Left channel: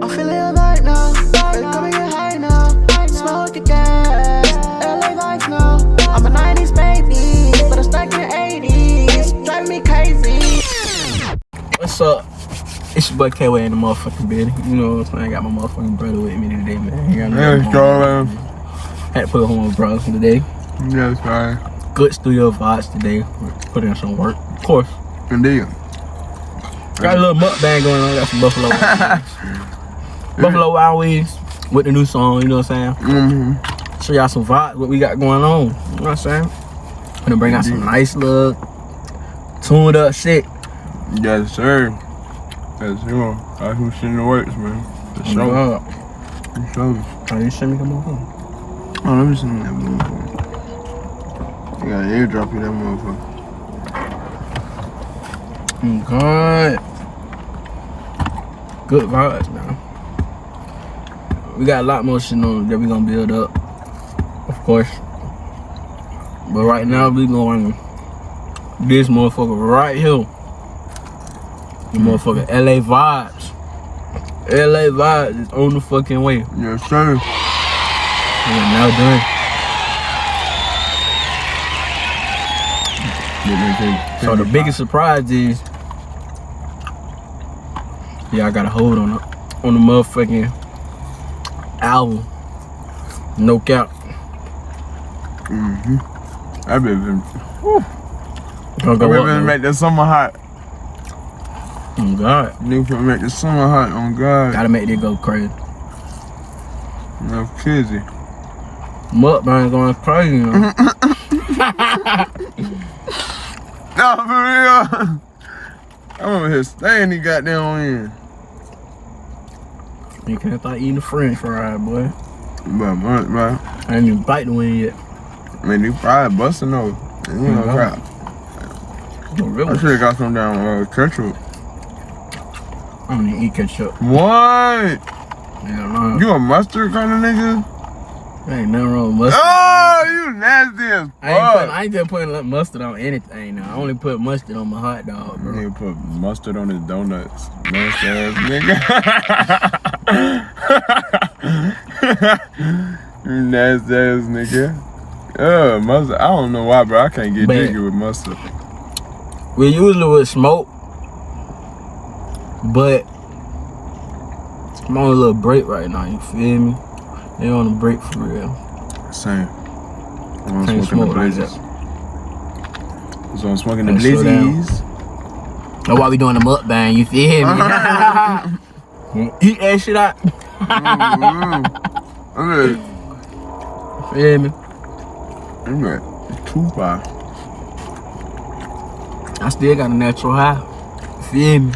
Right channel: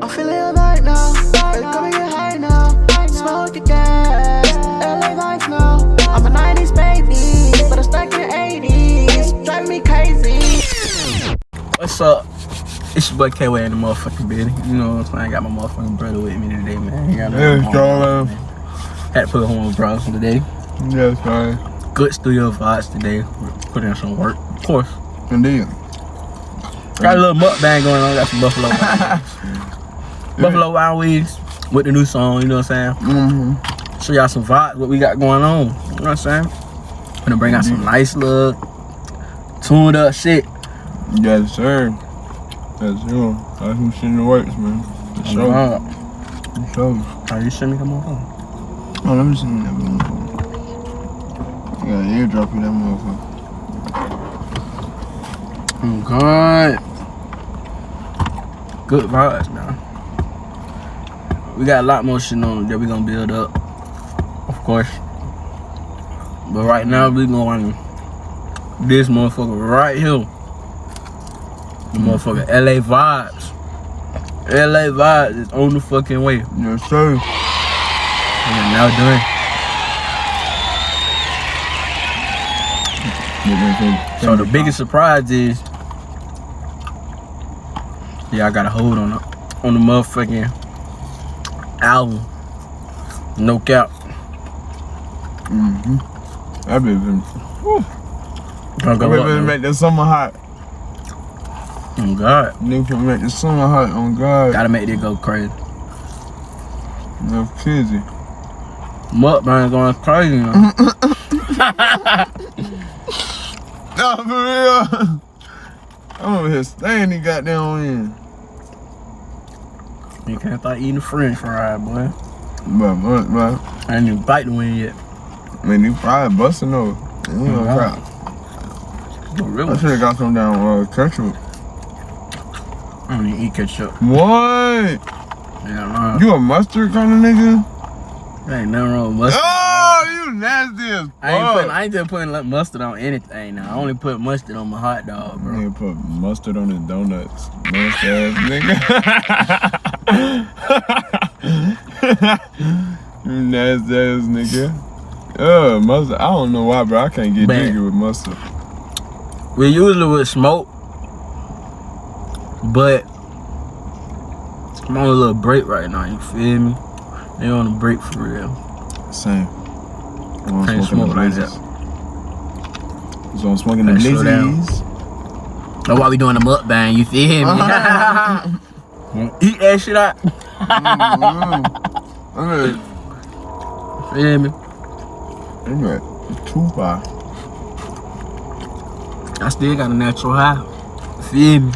I'm feeling alright now. Baby, come and get high now. Smoke the gas. LA vibes now. I'm a 90s baby, but I'm stuck in the 80s. Driving me crazy. What's up? It's your boy K-Wayy in the motherfucking building. You know what I'm saying? I got my motherfucking brother with me today, man. Yes, man. Had to put home with bros today. Yes, man. Good studio vibes today. Put in some work, of course. Indeed. Got a little mukbang going on. Got some Buffalo Wild Wings. Buffalo Wild Wings with the new song, you know what I'm saying? Show y'all some vibes, what we got going on. You know what I'm saying? Gonna bring out some nice little tuned up shit. Yes, sir. Yes, sir. That's who shit in the works, man. For sure. For sure. How do you send me come on phone? Oh, let me see that motherfucker. You gotta airdrop you that motherfucker. Oh, God. Good vibes, man. We got a lot more shit on that we gonna build up, of course. But right now, we going this motherfucker right here. The motherfucker LA vibes. LA vibes is on the fucking way. Yes, sir. And I'm now done. So the biggest surprise is, yeah, I got a hold on the motherfucking album. No cap. That bitch been, Gonna go up, man. make the summer hot. Oh God. Nigga finna make the summer hot, on God. Gotta make it go crazy. No kizzy. Mukbang going crazy, man. No, for real. I'm over here staying the goddamn in. You can't start eating french fries, boy. But, man, I ain't even bite the wing yet. man, you probably busting over. You know, crap. No, really? I should've got some down ketchup. I don't even eat ketchup. What? Yeah, man. You a mustard kind of nigga? There ain't nothing wrong with mustard. Oh, you nasty as fuck. I ain't just putting mustard on anything now. I only put mustard on my hot dog, bro. Nigga put mustard on his donuts. Nasty ass nigga. You nasty ass nigga. Mustard. I don't know why, bro. I can't get jiggy with mustard. We usually would smoke, but I'm on a little break right now, you feel me? They on a break for real. Same. I'm Can't smoking smoke the like blizzes. that. So I'm smoking the Can't slow down. blizzies. That's why we doing the mukbang, you feel me? Eat that shit out. Feel me? I'm at 2-5. I still got a natural high. You feel me?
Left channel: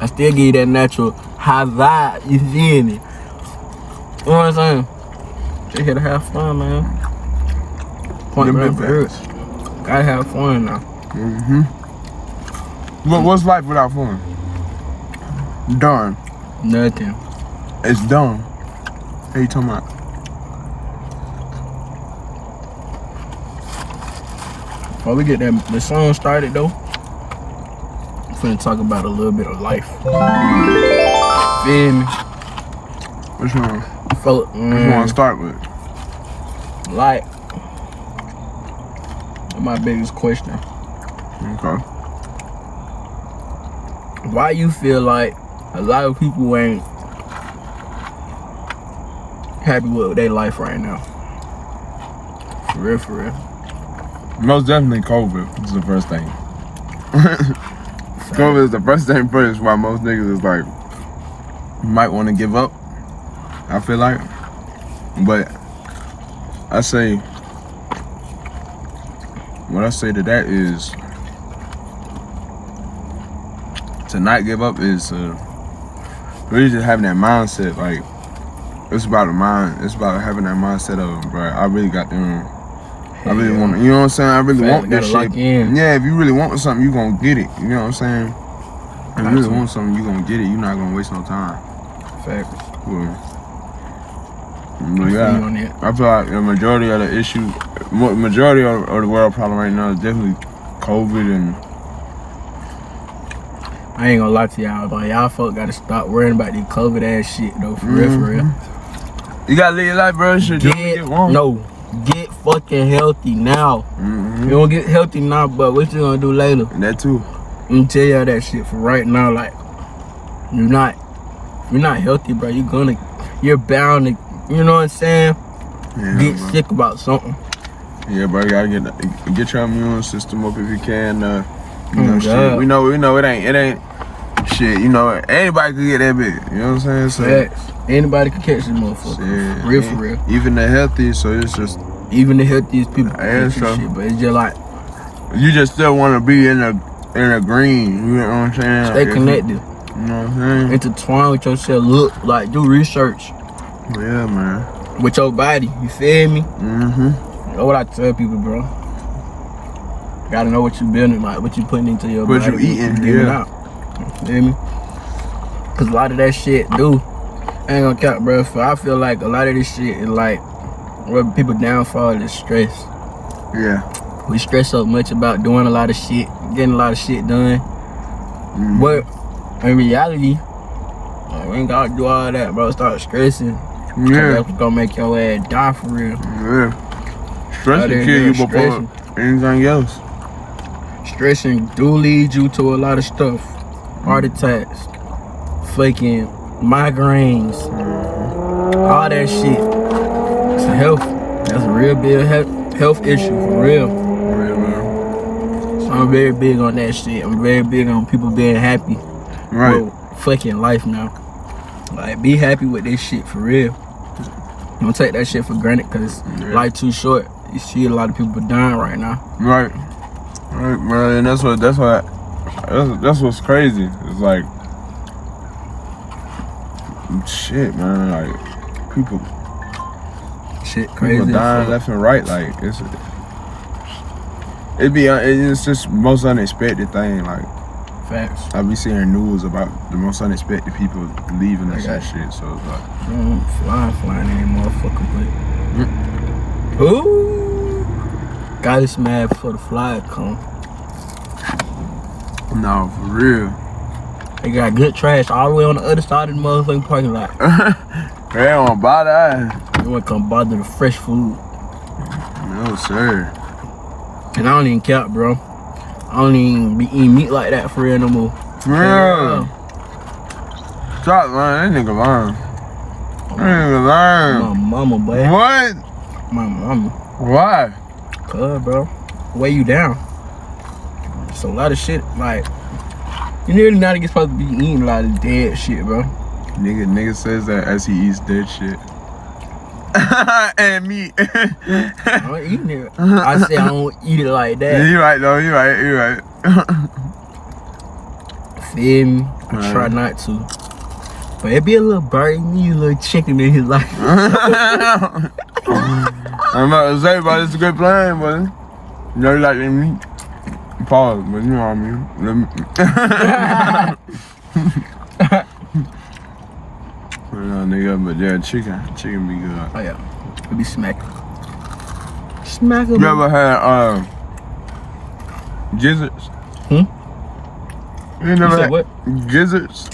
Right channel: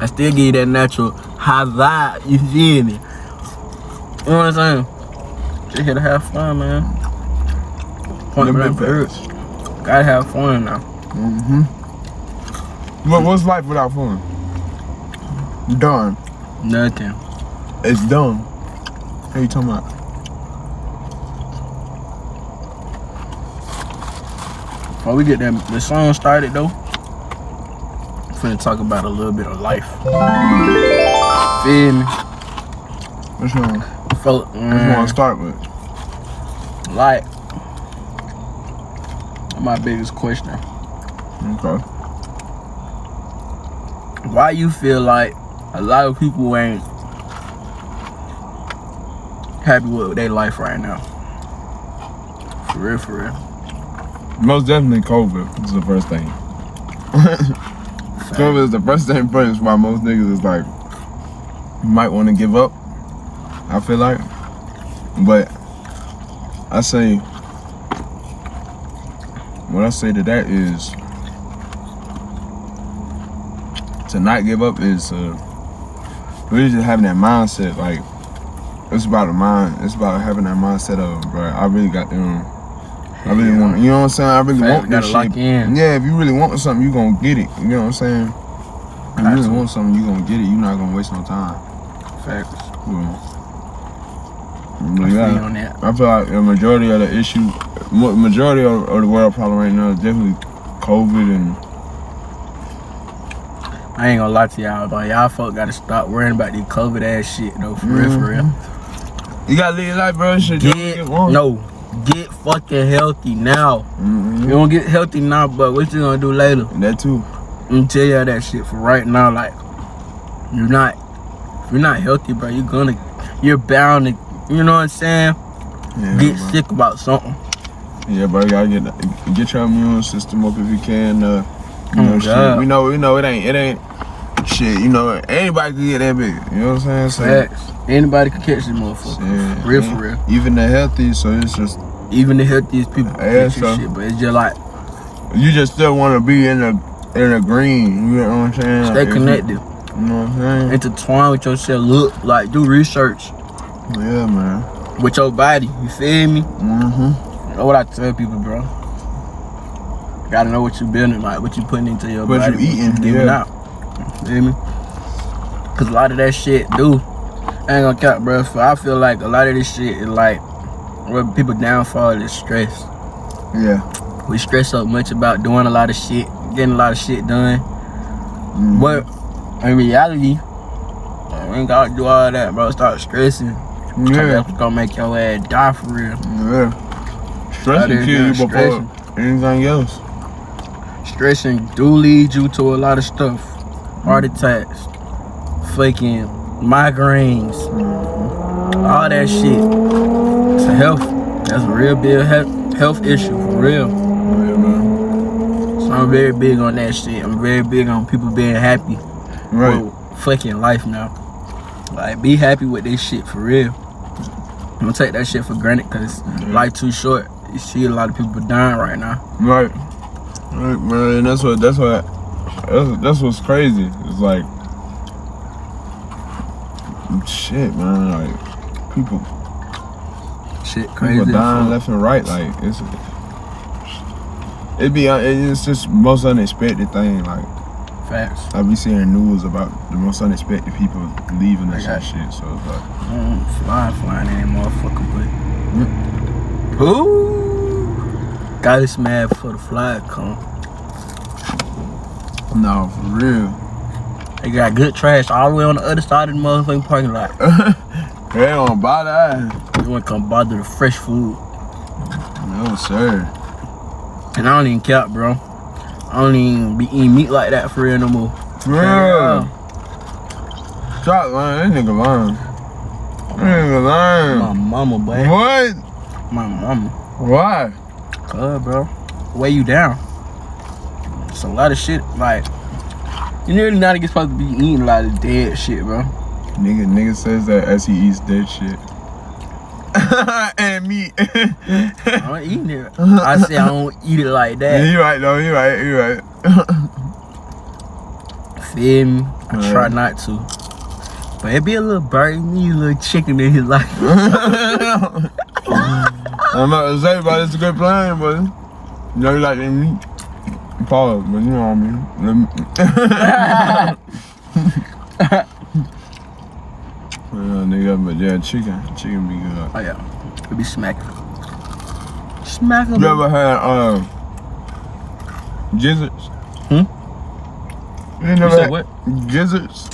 I still give you that natural high vibe. You feel me? You know what I'm saying? Just here to have fun, man. Point blank period. Gotta have fun now. What's life without fun? Done. Nothing. It's done. What you talking about? While we get the song started though, I'm finna talk about a little bit of life. Feel me? Which one? Which one to start with? Like, my biggest question. Okay. Why you feel like a lot of people ain't happy with their life right now? For real, for real. Most definitely COVID is the first thing. COVID is the first thing first, why most niggas is like, might want to give up, I feel like. But I say, what I say to that is, to not give up is really just having that mindset. Like, it's about the mind. It's about having that mindset of, bro, I really got them. I really want, you know what I'm saying? I really want this shit. Yeah, if you really want something, you gonna get it. You know what I'm saying? If you really want something, you gonna get it. You're not gonna waste no time. Facts. Well, yeah, I feel like the majority of the issue, majority of the world problem right now is definitely COVID and I ain't gonna lie to y'all, but y'all folk gotta stop worrying about these COVID ass shit though. For real, for real. You gotta live your life, bro. Shit, Get fucking healthy now. You don't get healthy now, but what you gonna do later? That too. I'm tell y'all that shit for right now. Like, if you're not healthy, bro, you're bound to, you know what I'm saying? Yeah, Get bro. sick about something. Yeah, bro. You gotta get your immune system up if you can. You know, shit. God. We know it ain't shit. You know, anybody could get that big. You know what I'm saying? Facts. Anybody can catch this motherfucker. Yeah, For real. Even the healthy, so it's just Even the healthiest people can Yeah, catch so- this shit, but it's just like, you just still want to be in the green. You know what I'm saying? stay connected. You know what I'm saying? Intertwine with yourself. Look, like, do research Yeah, man. with your body. You feel me? Mm-hmm. That's what I tell people, bro. Gotta know what you building, like what you putting into your What body. you eating, giving yeah. out. You feel me? Cause a lot of that shit I ain't gonna count, bro. So I feel like a lot of this shit is like what people downfall is stress. Yeah. We stress so much about doing a lot of shit, getting a lot of shit done. But in reality, like, we ain't gotta do all that, bro. Start stressing. Yeah. That's gonna make your ass die for real. Yeah. Stress will kill you before anything else. Stressing do lead you to a lot of stuff. Heart attacks, fucking migraines, all that shit. It's a health. That's a real big health issue for real. So I'm very big on that shit. I'm very big on people being happy. Right. With fucking life now. Like, be happy with this shit for real. Don't take that shit for granted, cause life too short. You see a lot of people dying right now. Right, bro, and that's what's crazy. It's like, shit, man. Like, people Crazy. dying left and right. Like, it's just most unexpected thing. Like, Facts. I be seeing news about the most unexpected people leaving us and shit. So it's like, Don't flying in, motherfucker, but ooh, got this mad before the fly come. no, for real. They got good trash all the way on the other side of the motherfucking parking lot. They don't want to buy that. They wouldn't come bother the fresh food. No, sir. And I don't even care, bro. I don't even be eating meat like that for real no more. For real. Stop lying. That nigga lying. My mama, boy. What? My mama. Why? Cuz, bro. Weigh you down. It's a lot of shit, like, you really not even supposed to be eating a lot of dead shit, bro. Nigga says that as he eats dead shit. And meat. I don't eat it. I say I don't eat it like that. Yeah, you right though, you right. Feel me? I try not to. But it be a little bird in me, a little chicken in his life. I'm about to say, but it's a good plan, but you know you like that meat. Pause, but you know what I mean. Nigga, but yeah, chicken be good. Oh yeah, it be smacking. Smacking. You ever had gizzards? You You never said had what? gizzards?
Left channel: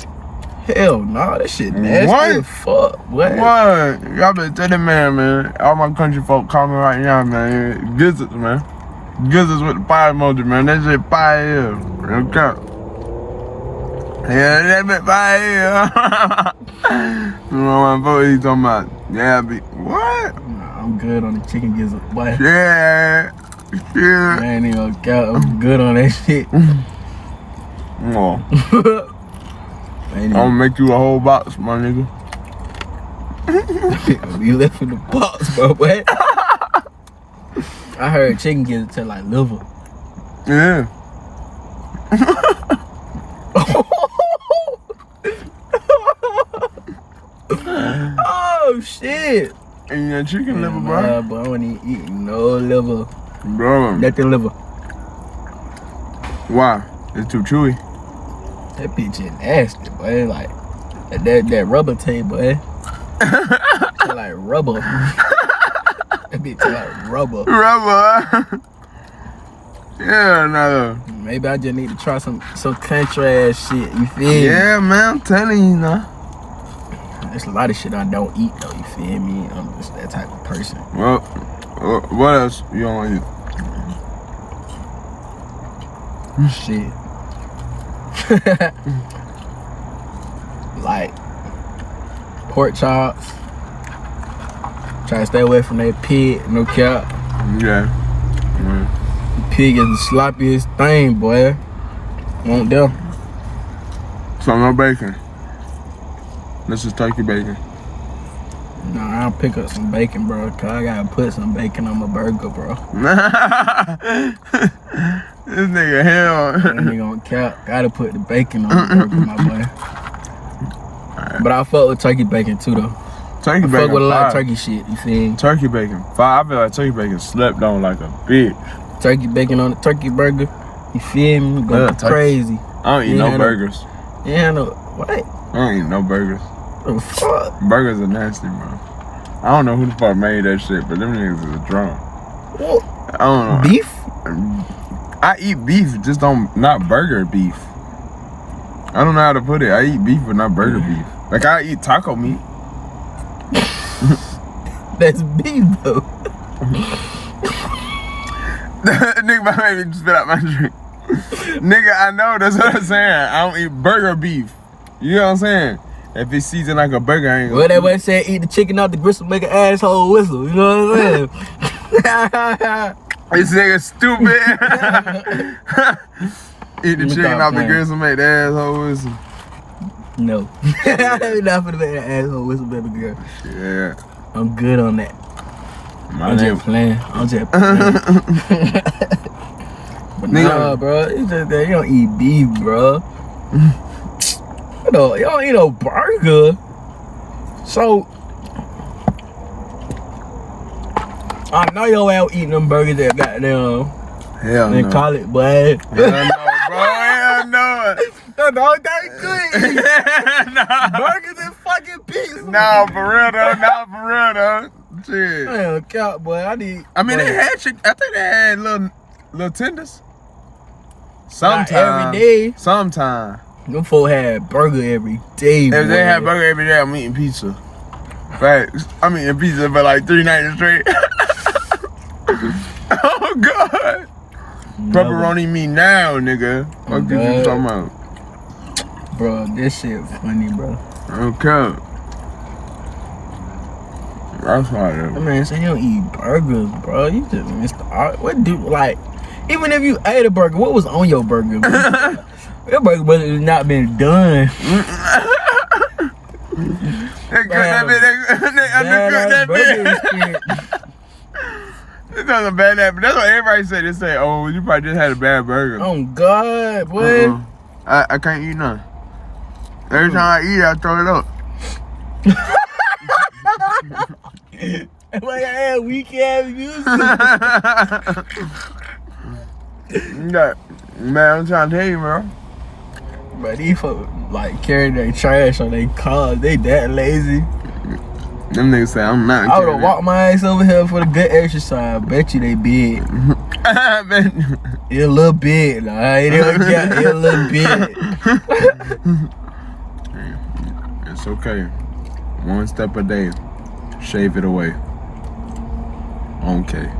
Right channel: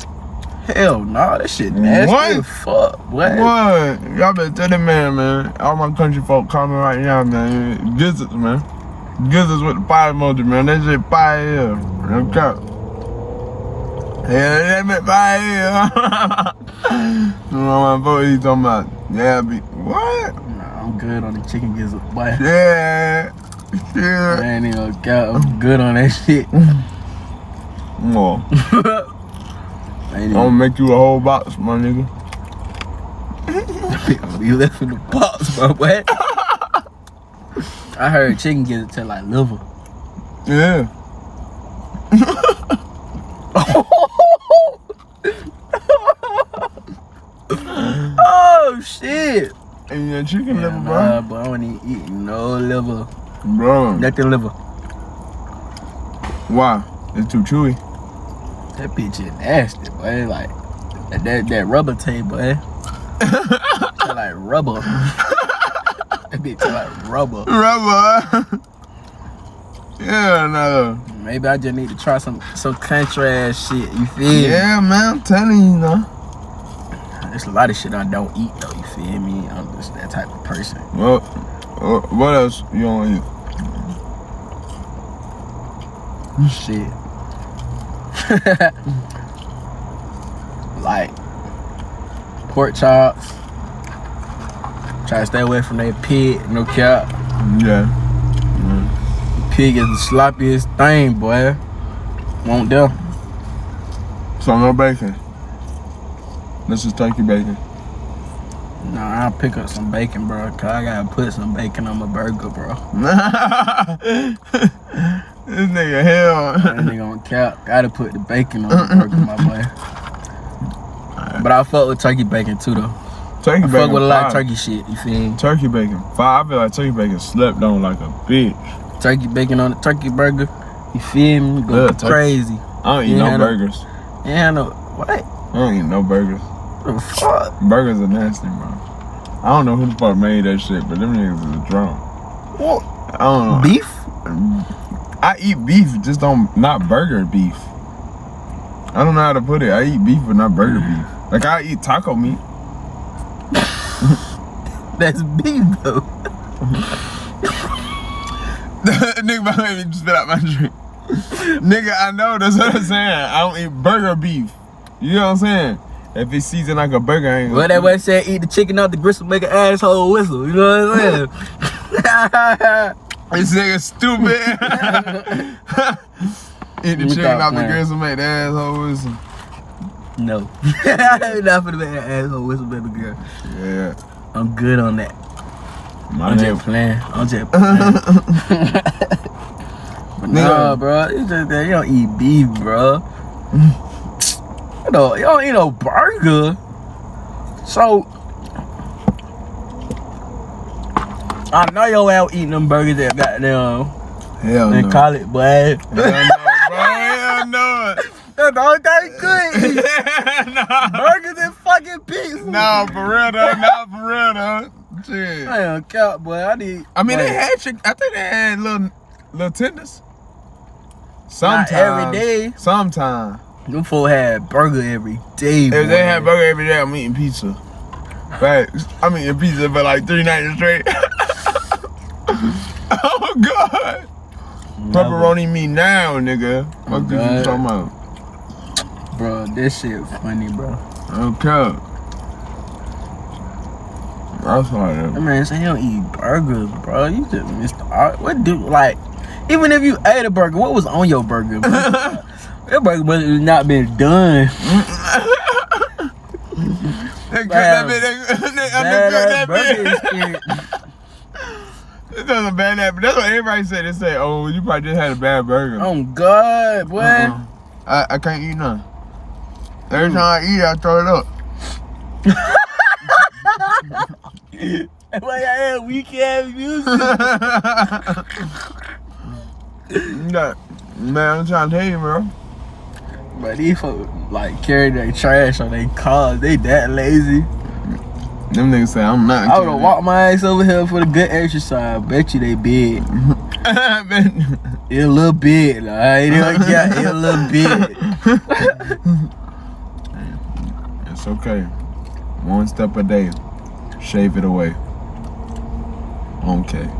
Hell nah, that shit nasty What? as fuck, boy. What? Y'all better tell that man. All my country folk calling right now, man. Gizzards, man. Gizzards with the fire emoji, man. That shit fire here. Okay. Yeah, that bit fire here. You know my boy, he talking about, yeah, what? Nah, I'm good on the chicken gizzard, boy. Yeah. Yeah. Man, ain't gonna count. I'm good on that shit. Well, I'm gonna make you a whole box, my nigga. We left in the box, bro, boy. I heard chicken gizzard taste like liver. Yeah. Oh shit! And your chicken liver, bro. Nah, boy, I don't even eat no liver. Bro. Nothing liver. Why? It's too chewy. That bitch is nasty, boy. Like that rubber tape, boy. Taste like rubber. That bitch taste like rubber. Rubber. Yeah, no. maybe I just need to try some country ass shit. You feel me? Yeah, man, I'm telling you, know. There's a lot of shit I don't eat though. You feel me? I'm just that type of person. Well, what else you don't eat? Shit. Like pork chops. Try to stay away from that pig, no cap. Yeah. Pig is the sloppiest thing, boy. Won't them. So no bacon. This is turkey bacon. Nah, I'll pick up some bacon, bro. Cause I gotta put some bacon on my burger, bro. This nigga hell. That nigga on cap. Gotta put the bacon on the burger, my boy. Right. But I fuck with turkey bacon too, though. Turkey bacon. Fuck with a lot of turkey shit. You feel me? Turkey bacon. I feel like turkey bacon slept on like a bitch. Turkey bacon on the turkey burger. You feel me? Go crazy. I don't eat no burgers. Yeah, no. What? I don't eat no burgers. The fuck? Burgers are nasty, bro. I don't know who the fuck made that shit, but them niggas is drunk. What? I don't know. Beef? I eat beef, just not burger beef. I don't know how to put it. I eat beef, but not burger beef. Like I eat taco meat. That's beef though. Nigga might make me spit out my drink. Nigga, I know, that's what I'm saying. I don't eat burger beef. You know what I'm saying? If it's seasoned like a burger, I ain't gonna. Well, that way said eat the chicken out the gristle, make an asshole whistle. You know what I'm saying? This nigga stupid. Eat the chicken out the gristle, make the asshole whistle. No. I ain't not finna make an asshole whistle, baby girl. Yeah. I'm good on that. I'm just playing. But nah, bro. It's just that you don't eat beef, bro. You don't eat no burger. So I know your ass eating them burgers that goddamn hell in no. college, boy. Hell no, bro. Hell no. That's the only thing good. Nah. Burgers and fucking pizza. No, for real though. Not for real though. Shit. I ain't count, boy. I mean, they had chicken. I think they had little tenders. Sometimes. Not every day. Sometimes. Them folks had burger every day. If they had burger every day, I'm eating pizza. Right? I'm eating pizza for like 3 nights straight. Oh God. Never. Pepperoni me now, nigga. What you talking about? Bro, this shit funny, bro. Okay. That's why that man say he don't eat burgers, bro. You just missed the art. What do, like, even if you ate a burger, what was on your burger? That burger must have not been done. They cooked that bitch. It doesn't bad that, but that's what everybody said. They say, "Oh, you probably just had a bad burger." Oh God, boy! I can't eat none. Every time I eat it, I throw it up. Like I had weak ass music. Man, I'm trying to tell you, bro. But these folks like carry their trash on their cars. They that lazy. Them niggas say I'm not. I would've walked my ass over here for the good exercise. Bet you they big. It a little big, like it a little big. It's okay. 1 step a day. Shave it away. Okay.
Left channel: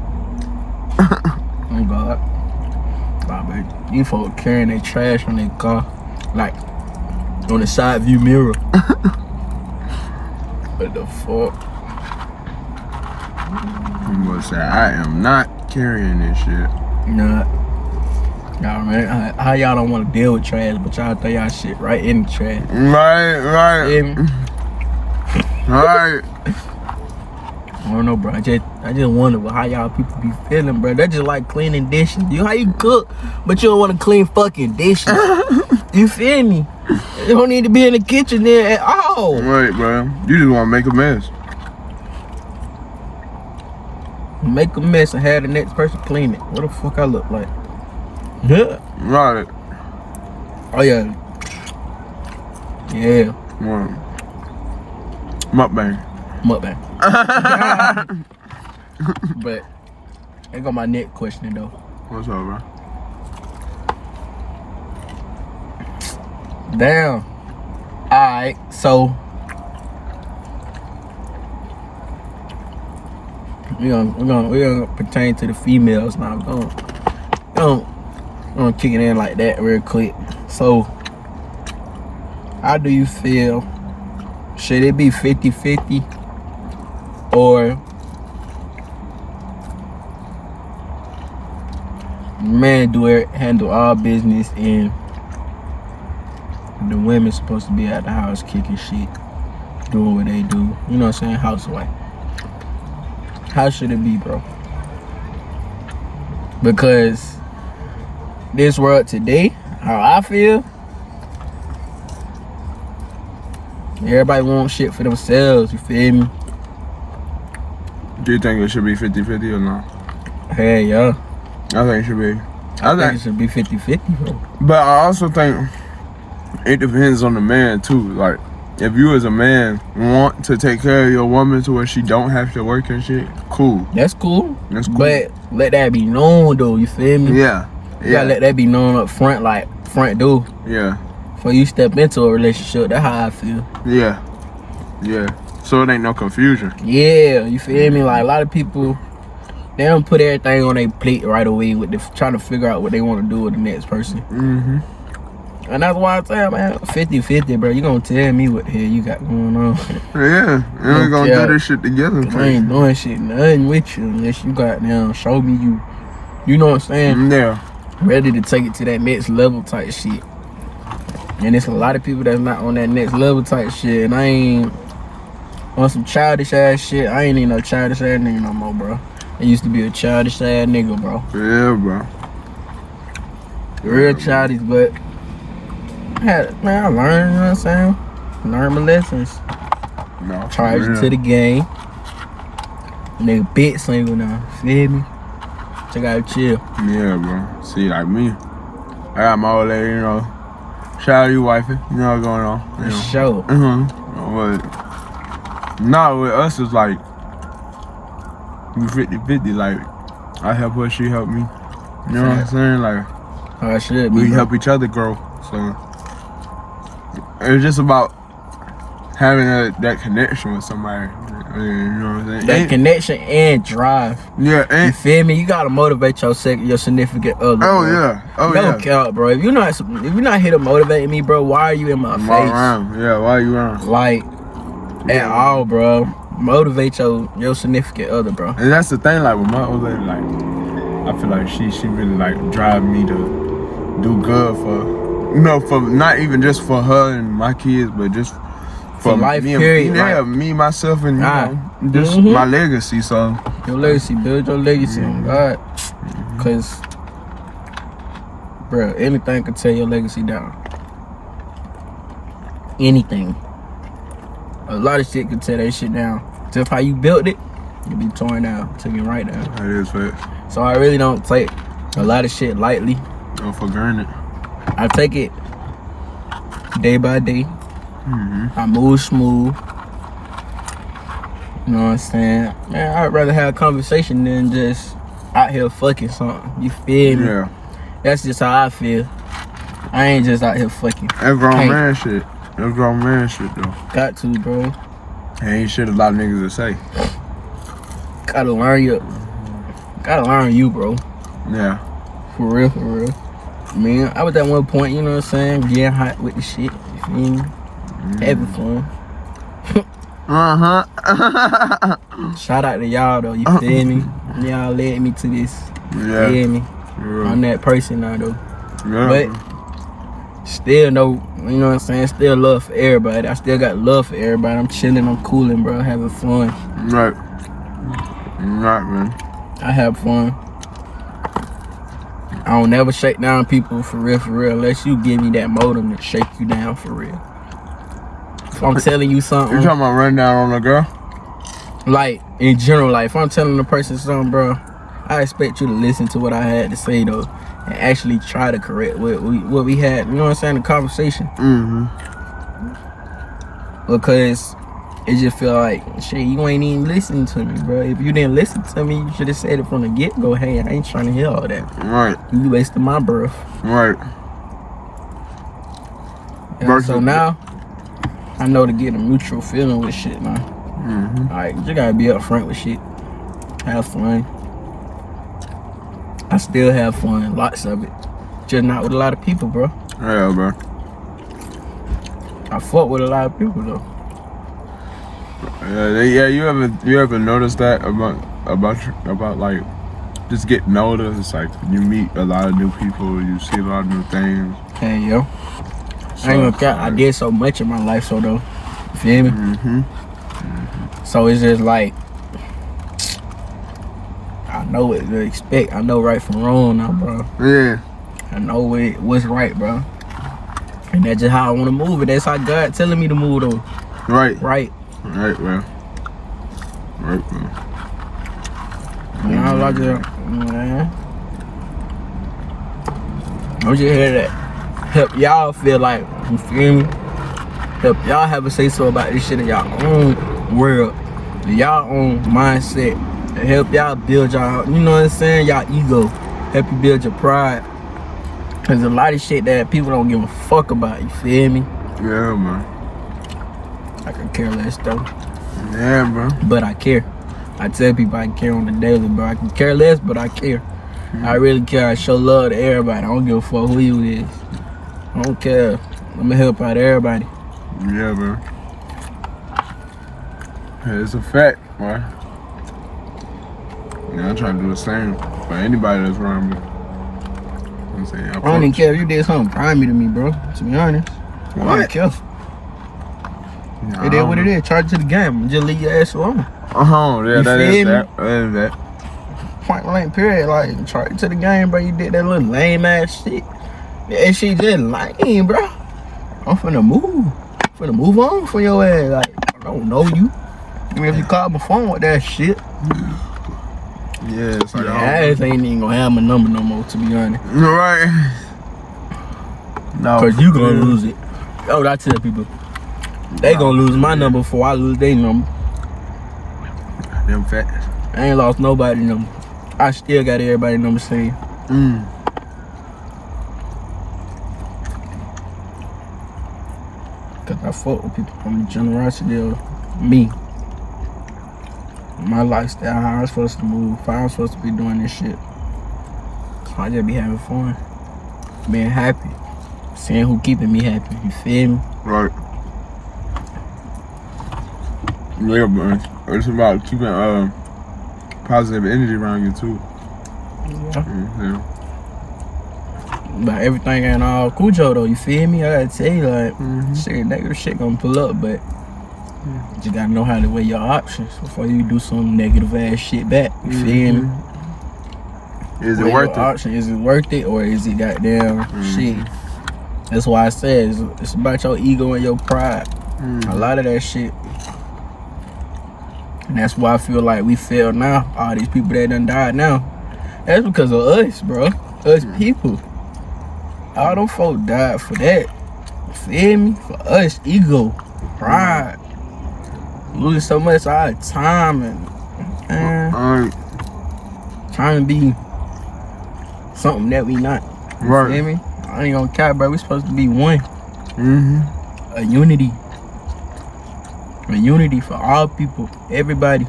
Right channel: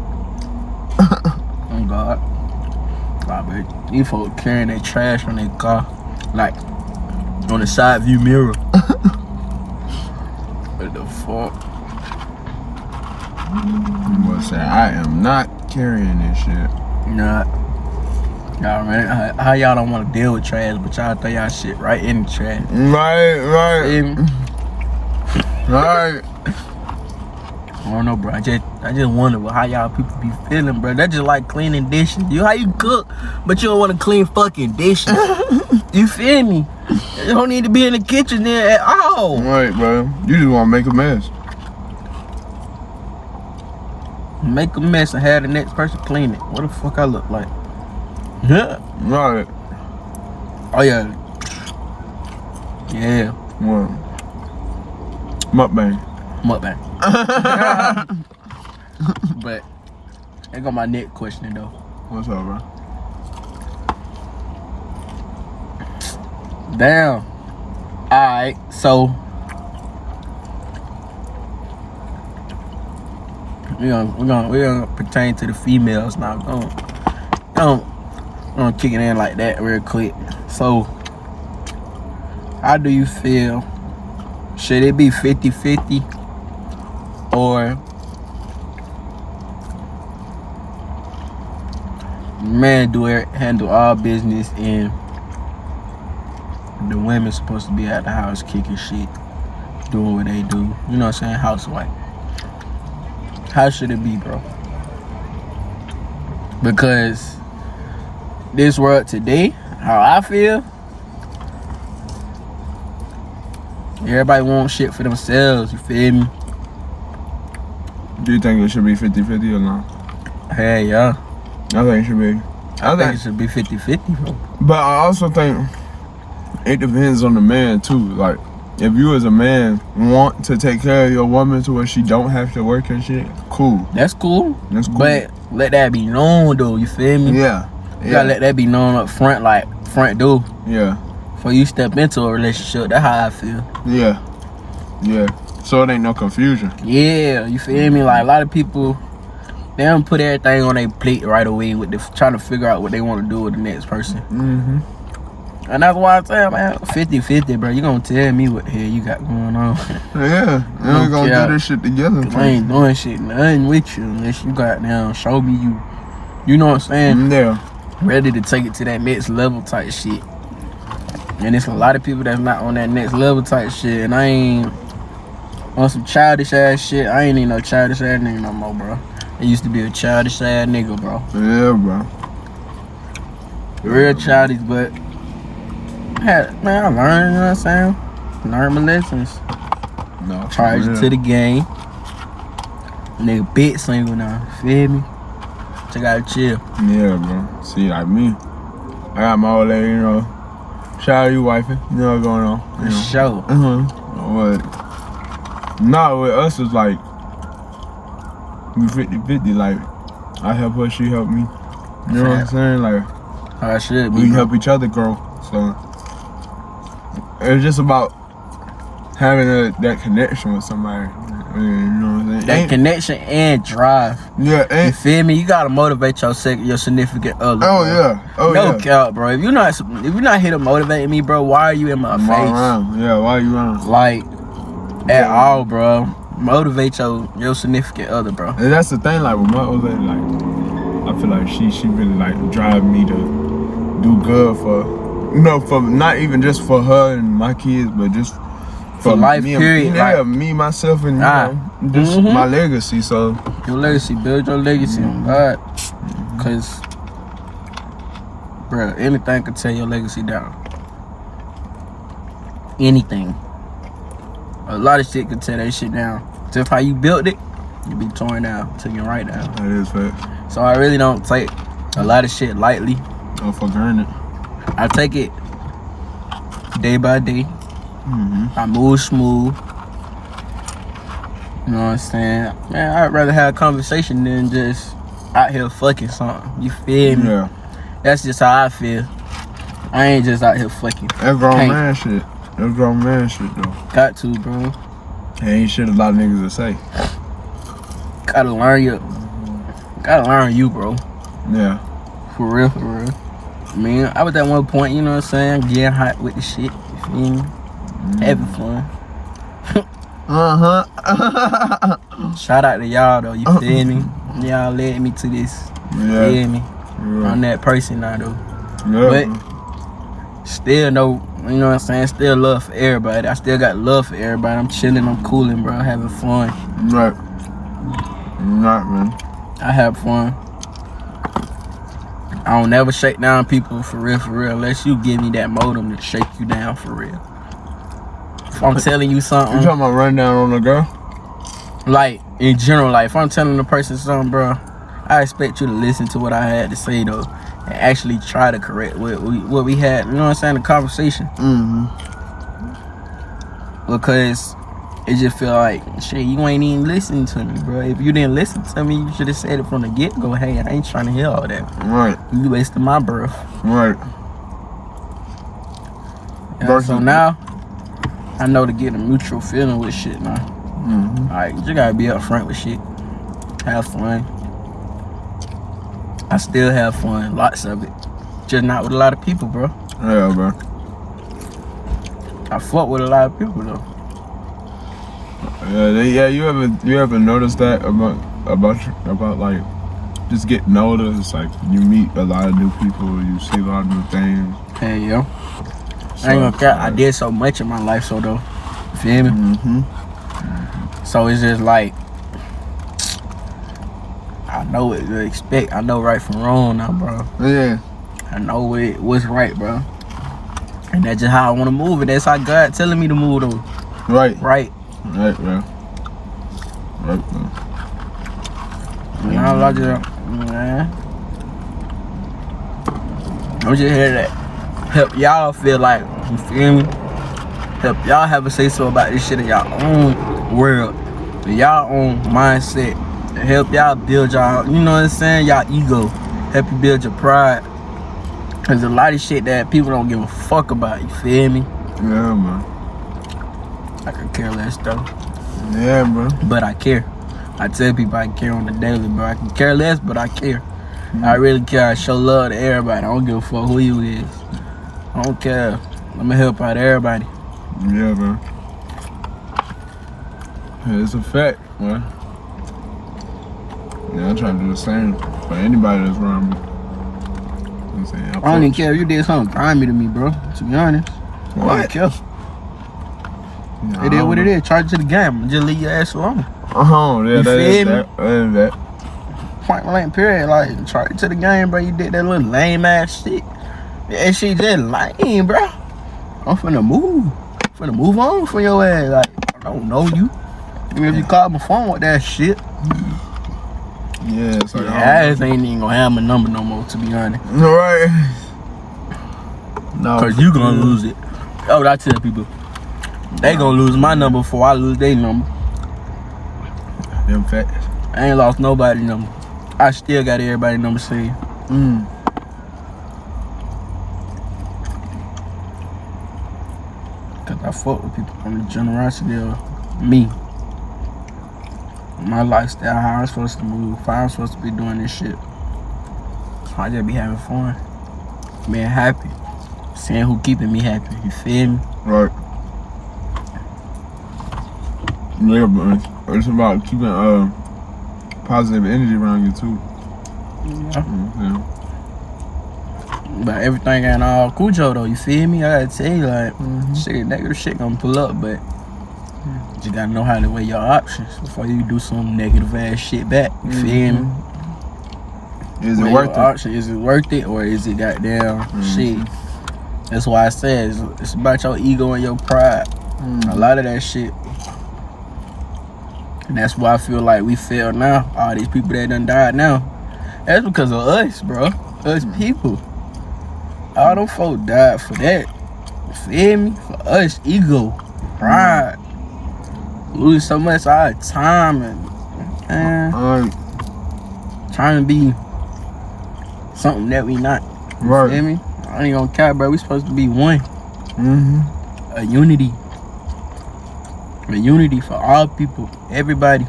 Oh God. Wow, baby. These folks carrying their trash on their car, like on the side view mirror. What the fuck? You must say I am not carrying this shit. Nah. Y'all man, how y'all don't want to deal with trash, but y'all throw y'all shit right in the trash. Right. Alright. I don't know, bro. I just wonder how y'all people be feeling, bro. That's just like cleaning dishes. How you cook, but you don't want to clean fucking dishes. You feel me? You don't need to be in the kitchen there at all. Right, bro. You just want to make a mess. Make a mess and have the next person clean it. What the fuck I look like? Yeah. Right. Oh yeah. Yeah. Right. MUKBANG. But I got my next question though. What's up, bro? Damn. Alright, so we're gonna pertain to the females now. We're gonna kick it in like that real quick. So how do you feel? Should it be 50-50 or man handle all business and the women supposed to be at the house kicking shit, doing what they do? You know what I'm saying? Housewife. How should it be, bro? Because this world today, how I feel, everybody wants shit for themselves, you feel me? Do you think it should be 50-50 or not? Hey, yeah. I think it should be. I think it should be 50-50, bro. But I also think it depends on the man too. Like, if you as a man want to take care of your woman to where she don't have to work and shit, cool. That's cool. That's cool. But let that be known though, you feel me? Yeah. You gotta let that be known up front, like front door. Yeah. Before you step into a relationship, that's how I feel. Yeah. Yeah. So it ain't no confusion. Yeah, you feel me? Like a lot of people, they don't put everything on their plate right away with trying to figure out what they want to do with the next person. Mm-hmm. And that's why I tell man, 50-50, bro. You gonna tell me what the hell you got going on. Yeah. We're gonna do this shit together. I ain't doing shit nothing with you unless you got down, show me you know what I'm saying? Yeah. Ready to take it to that next level type shit. And it's a lot of people that's not on that next level type shit. And I ain't on some childish ass shit. I ain't even no childish ass nigga no more, bro. I used to be a childish ass nigga, bro. Yeah, bro. Real childish, but I learned, you know what I'm saying? Learn my lessons. No. Charge it to the game. Nigga bit single now, feel me? So I gotta chill. Yeah, bro. See, like me, I got my old lady, you know. Shout out you, wifey. You know what's going on. You know. Sure. But not with us, it's like we 50-50. Like, I help her, she help me. You know what I'm saying? Like, how I should be. We help each other grow. So it's just about having that connection with somebody. You know what I'm saying? That connection and drive. Yeah, you feel me? You gotta motivate your significant other. Oh, bro. Yeah. Oh, no yeah. cap, bro. If you're not here to motivate me, bro, why are you in my face? Around. Yeah, why are you around? Like, at all, bro. Motivate your significant other, bro. And that's the thing, like with my old lady, like I feel like she really like drive me to do good for not even just for her and my kids, but just for life, me, period. Yeah, me, myself, and just my legacy. So your legacy, build your legacy on God, cause, bro, anything could tear your legacy down. Anything. A lot of shit could tear that shit down. Just how you built it, you be torn down, taken right down. That is facts. So I really don't take a lot of shit lightly. Don't for granted. I take it day by day. I move smooth. You know what I'm saying? Man, I'd rather have a conversation than just out here fucking something. You feel me? Yeah. That's just how I feel. I ain't just out here fucking. That's grown man shit. That's grown man shit though. Got to, bro. Ain't shit a lot of niggas to say. Gotta learn you, bro. Yeah. For real, for real. Man, I was at one point, you know what I'm saying, getting hot with the shit. You feel me? Having fun. Shout out to y'all though, you feel me? Y'all led me to this. You feel me? Yeah. I'm that person now though. Yeah. But still no, you know what I'm saying? Still love for everybody. I still got love for everybody. I'm chilling, I'm cooling, bro, having fun. Right. Right, man. I have fun. I don't never shake down people for real, unless you give me that modem to shake you down for real. If I'm telling you something. You talking about run down on a girl? Like, in general, like, if I'm telling a person something, bro, I expect you to listen to what I had to say, though, and actually try to correct what we had, you know what I'm saying, the conversation. Because it just feel like, shit, you ain't even listening to me, bro. If you didn't listen to me, you should have said it from the get-go. Hey, I ain't trying to hear all that. Right. You wasting my breath. Right. You So now, I know to get a mutual feeling with shit now. Like, you gotta be upfront with shit. Have fun. I still have fun, lots of it. Just not with a lot of people, bro. Yeah, bro. I fuck with a lot of people though. Yeah, you ever noticed that about like just getting older? It's like you meet a lot of new people, you see a lot of new things. Hey yo, So, I ain't gonna cap. I did so much in my life, so though, you feel me? So it's just like I know what to expect. I know right from wrong now, bro. Yeah. I know what's right, bro. And that's just how I want to move it. That's how God telling me to move though. Right, bro. I'm just here to help y'all feel like, you feel me? Help y'all have a say so about this shit in y'all own world, y'all own mindset. Help y'all build y'all, you know what I'm saying? Y'all ego. Help you build your pride. There's a lot of shit that people don't give a fuck about, you feel me? Yeah, man. I could care less though. Yeah, bro. But I care. I tell people I care on the daily, bro. I can care less, but I care. I really care. I show love to everybody. I don't give a fuck who you is. I don't care. I'ma help out everybody. Yeah, bro. It's a fact, bro. Yeah, I'm trying to do the same for anybody that's around me. I'm saying, I don't even care if you did something grimy to me, bro. To be honest. I don't care. It is what it is. Charge it to the game. Just leave your ass alone. Yeah, that is that. Point blank period. Like, charge it to the game, bro. You did that little lame ass shit. That shit just lame, bro. I'm finna move. Move on from your ass. Like, I don't know you. Even if you call my phone with that shit. Yeah, it's like your ass ain't even gonna have my number no more, to be honest. Right. No. Cause you gonna lose it. That's what I tell people. They gonna lose my number before I lose their number. Them facts. I ain't lost nobody's number. I still got everybody's number saved. Cause I fuck with people from the generosity of me. My lifestyle, how I'm supposed to move, how I'm supposed to be doing this shit. I just be having fun. Being happy. Seeing who keeping me happy. You feel me? Right. Yeah, but it's about keeping positive energy around you too. Yeah. But everything ain't all Cujo though, you feel me? I gotta tell you, like, shit, negative shit gonna pull up, but you gotta know how to weigh your options before you do some negative ass shit back. You feel me? Is it worth it? Is it worth it, or is it goddamn shit? That's why I said it's about your ego and your pride. A lot of that shit. And that's why I feel like we fail now. All these people that done died now. That's because of us, bro. Us people. All them folk died for that. Feel me? For us, ego, pride. Losing so much of our time and trying to be something that we not. You feel me? I ain't gonna care, bro. We supposed to be one. A unity. A unity for all people, everybody.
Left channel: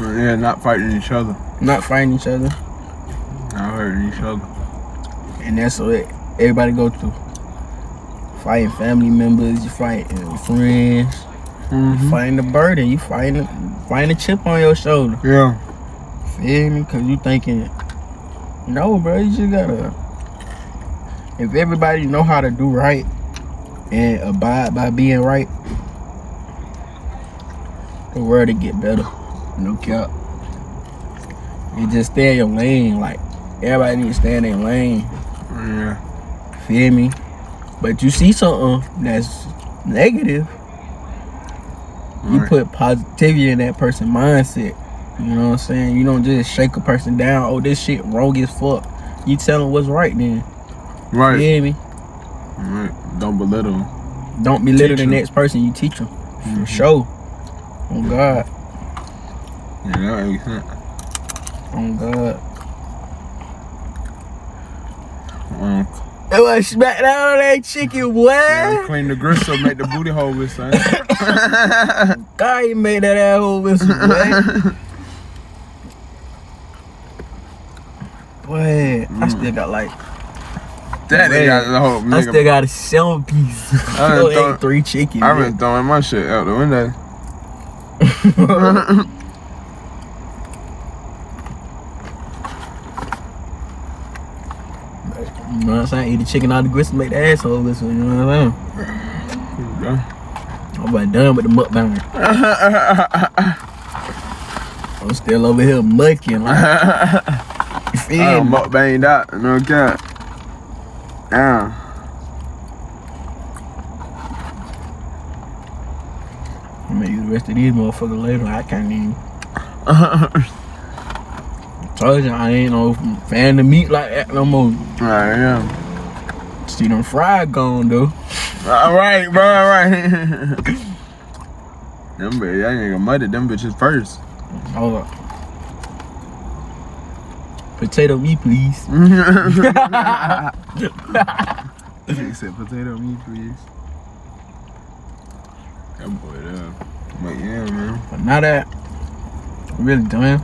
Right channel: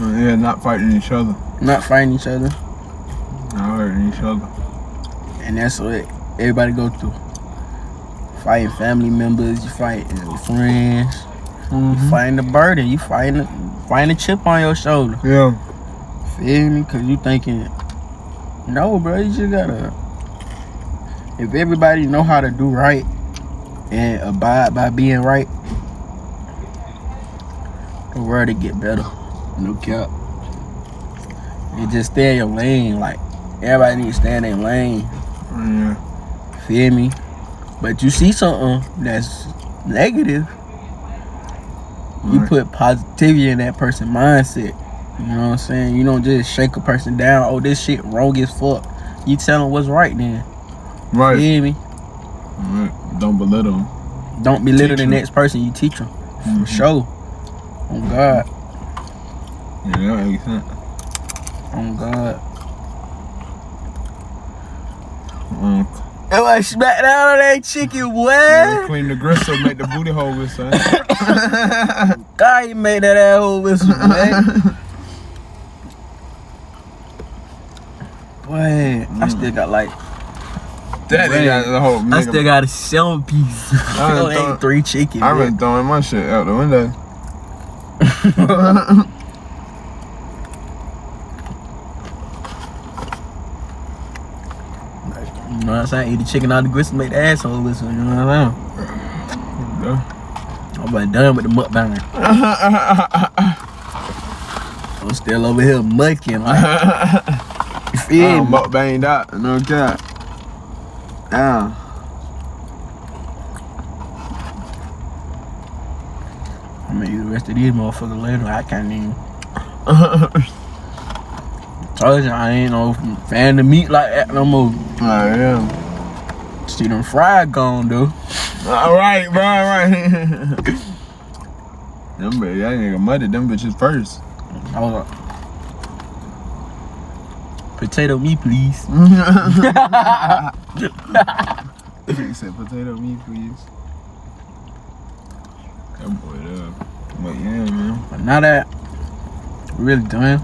Yeah, not fighting each other. Not fighting each other. Not hurting each other. And that's what everybody go through. Fighting family members, you fighting friends, you fighting the burden, you fighting a chip on your shoulder. Yeah. Feel me? Cause you thinking, no, bro, you just gotta. If everybody know how to do right and abide by being right, the world will get better. No cap. And just stay in your lane. Like, everybody need to stay in their lane. Yeah. Feel me? But you see something that's negative, you put positivity in that person's mindset. You know what I'm saying? You don't just shake a person down. Oh, this shit wrong as fuck. You tell them what's right then. Right. Feel me? Right. Don't belittle them. Don't belittle the next person. You teach them. For sure. On God. Yeah, that makes sense. On God. That was smack down on that chicken, boy. Yeah, clean the gristle, make the booty hole with, son. God, you made that asshole whistle, boy. Boy, I still got like. That nigga got the whole nigga. I still got a 7-piece. I ate 3 chickens. I've been throwing my shit out the window. You know what I'm saying? Eat the chicken out the gristle, make the asshole whistle. You know what I'm saying? I'm about done with the mukbanger. I'm still over here mucking. Like, you feel me? Mukbanged out, no cap. Damn. I'm gonna use the rest of these motherfuckers later. I can't even. Told you I ain't no fan of meat like that no more. Alright, yeah. See them fried gone though. Alright, bro, alright. Them bitches, that nigga muttered them bitches first. I was like, potato meat, please. He said potato meat, please. That boy there. But yeah, man. But now that we're really done,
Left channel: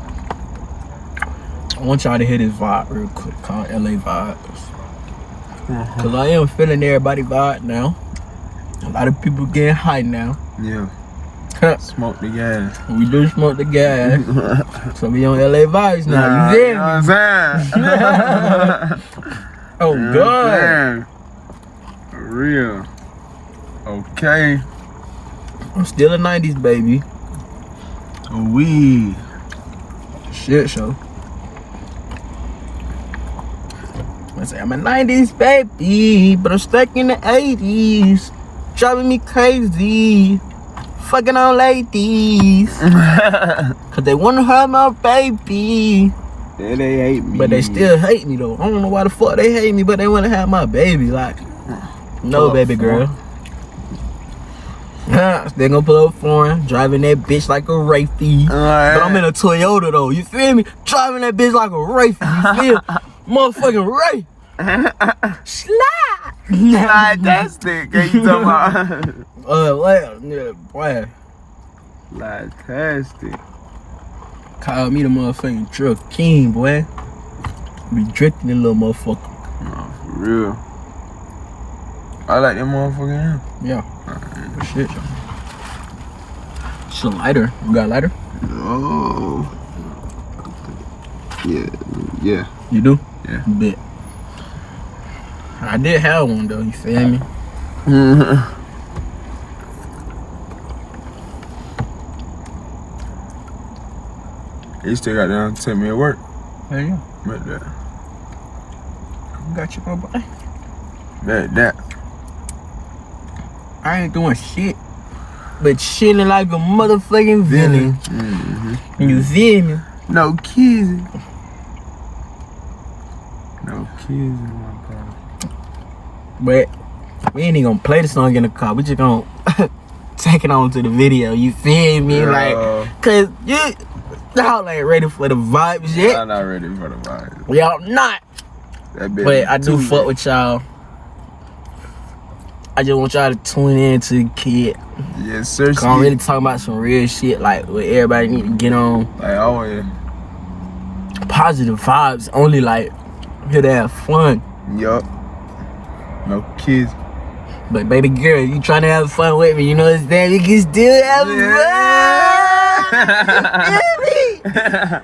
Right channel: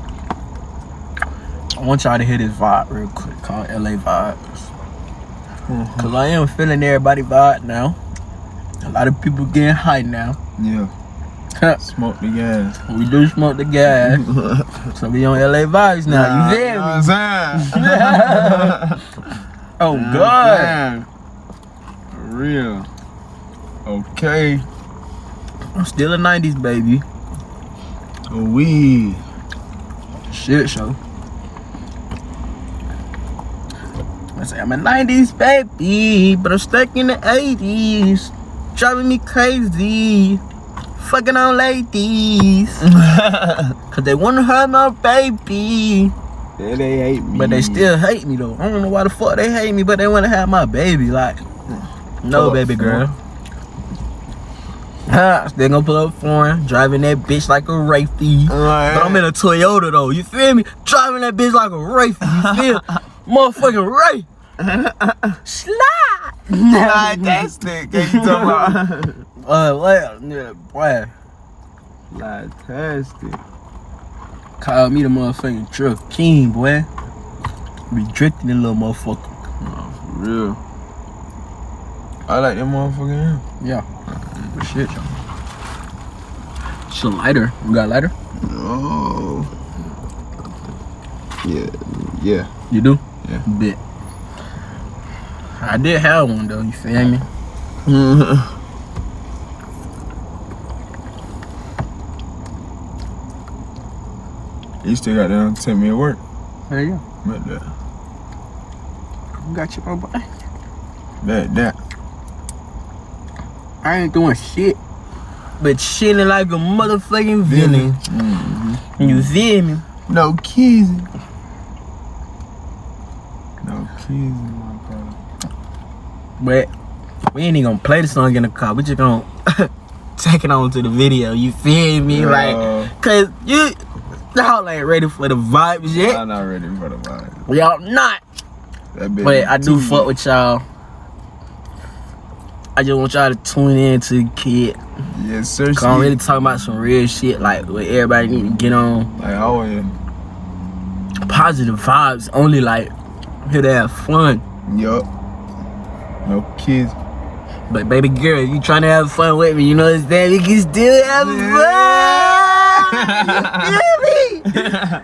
I want y'all to hear this vibe real quick called LA Vibes. Cause I am feeling everybody vibe now. A lot of people getting high now. Yeah. Smoke the gas. We do smoke the gas. So we on LA Vibes now. You feel me? Know what I'm saying? Oh God. Man. For real. Okay. I'm still a 90s baby. We. Shit show. I say I'm a 90s baby, but I'm stuck in the 80s. Driving me crazy. Fucking on ladies. Cause they wanna have my baby. Yeah, they hate me. But they still hate me though. I don't know why the fuck they hate me, but they wanna have my baby. Like, no baby girl. They gonna pull up foreign, driving that bitch like a Wraithie. But I'm in a Toyota though, you feel me? Driving that bitch like a Wraithie, you feel me? Motherfucking Wraith. Slide. Fantastic. What you talking about? What? Yeah, boy. Fantastic. Call me the motherfucking truck king, boy. Be drifting in little motherfucker. No, for real. I like that motherfucker. Yeah. Shit. It's a lighter. You got a lighter? Oh. Yeah. Yeah. You do? Yeah. Bet. I did have one though, you feel me? You still got down to take me to work. There you Bet that. go. Got you, my boy. Bet that. I ain't doing shit, but chilling like a motherfucking villain. Mm-hmm. You feel me? No kissing. No kissing, my brother. But we ain't even gonna play the song in the car. We just gonna take it on to the video. You feel me? Like, cause y'all ain't ready for the vibes yet. I'm not ready for the vibe. Y'all not. That bitch But I do too fuck lit. with y'all. I just want y'all to tune in to the kid. Yes, sir. Cause I'm really talking about some real shit, like what everybody need to get on. Like always. Positive vibes, only like here to have fun. Yup. No kids. But baby girl, you trying to have fun with me, you know what I'm saying? We can still have fun.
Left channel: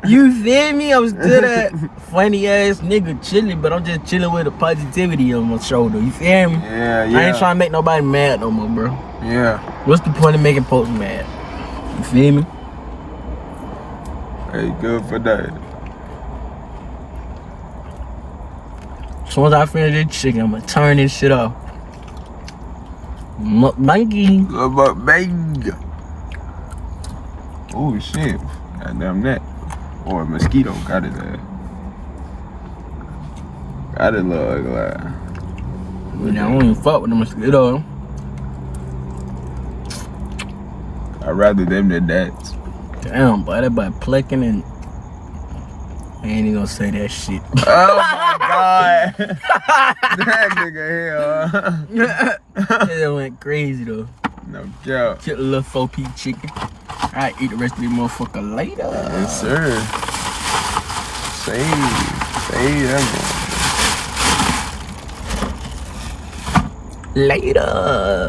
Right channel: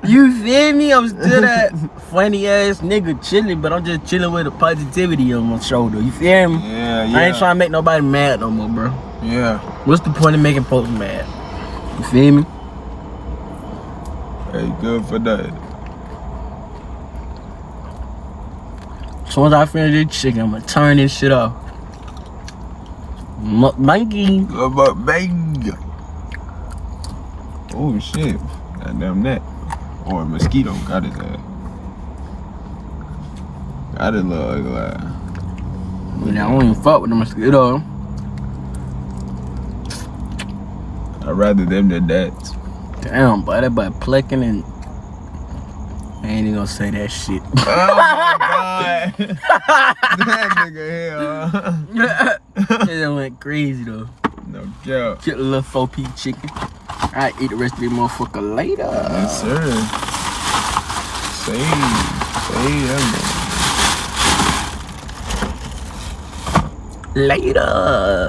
You feel me? I'm still that funny ass nigga chilling, but I'm just chilling with the positivity on my shoulder. You feel me? Yeah, I ain't trying to make nobody mad no more, bro. Yeah. What's the point of making folks mad? You feel me? Hey, good for that. As soon as I finish this chicken, I'm gonna turn this shit off. MUKBANG. Good about bang. Oh shit. Goddamn that. Or a mosquito got his ass. Got it little ugly ass. I don't even fuck with the mosquito. I'd rather them than that. Damn, boy, that boy plucking and I ain't even gonna say that shit. Oh my god. That nigga hell. It went crazy though. No doubt. Get a little 4-piece chicken. I eat the rest of this motherfucker later. Yes, sir. Say that Later.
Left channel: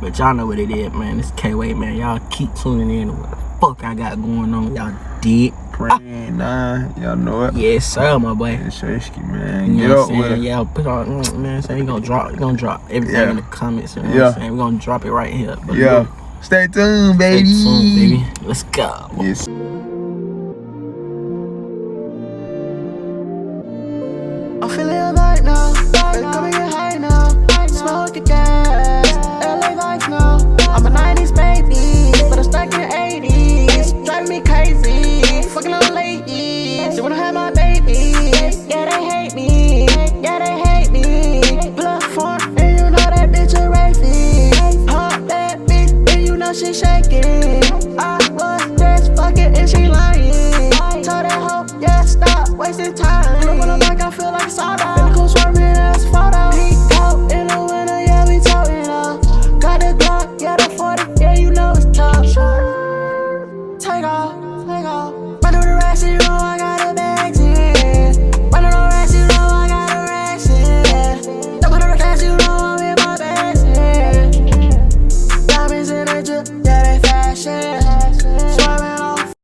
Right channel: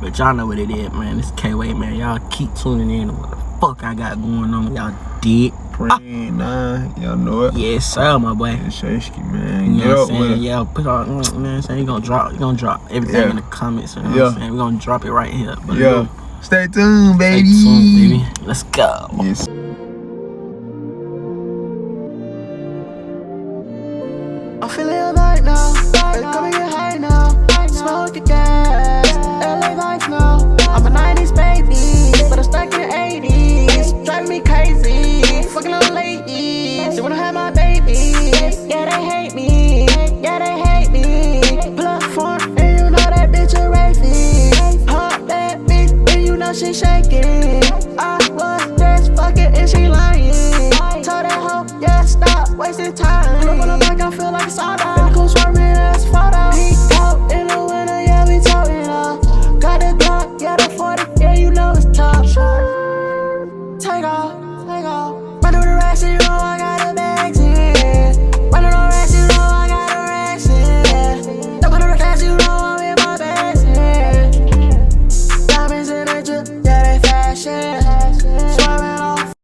But y'all know what it is, man. It's K-Wayy, man. Y'all keep tuning in to what the fuck I got going on. Y'all dig? Nah, y'all know it. Yes, sir, my boy. It's Shashky, man. You know what I'm Get up with saying? it. Yeah, put on, man. Saying we gonna drop everything in the comments. You know what I'm saying? We gonna drop it right here. But Yeah. look, Stay tuned, baby. stay tuned, baby. Let's go. Yes. I'm feeling alright now. Baby, come and get high now. Smoke the gas. LA vibes now. I'm a 90s baby, but I'm stuck in the 80s. Driving me crazy. Fucking on ladies. They wanna have my babies. Yeah, they hate me. Yeah, they hate me. Blood form, and you know that bitch a rapey. Pump that bitch, and you know she shaking. I was just fucking, and she lying. Told that hoe, yeah, stop wasting time.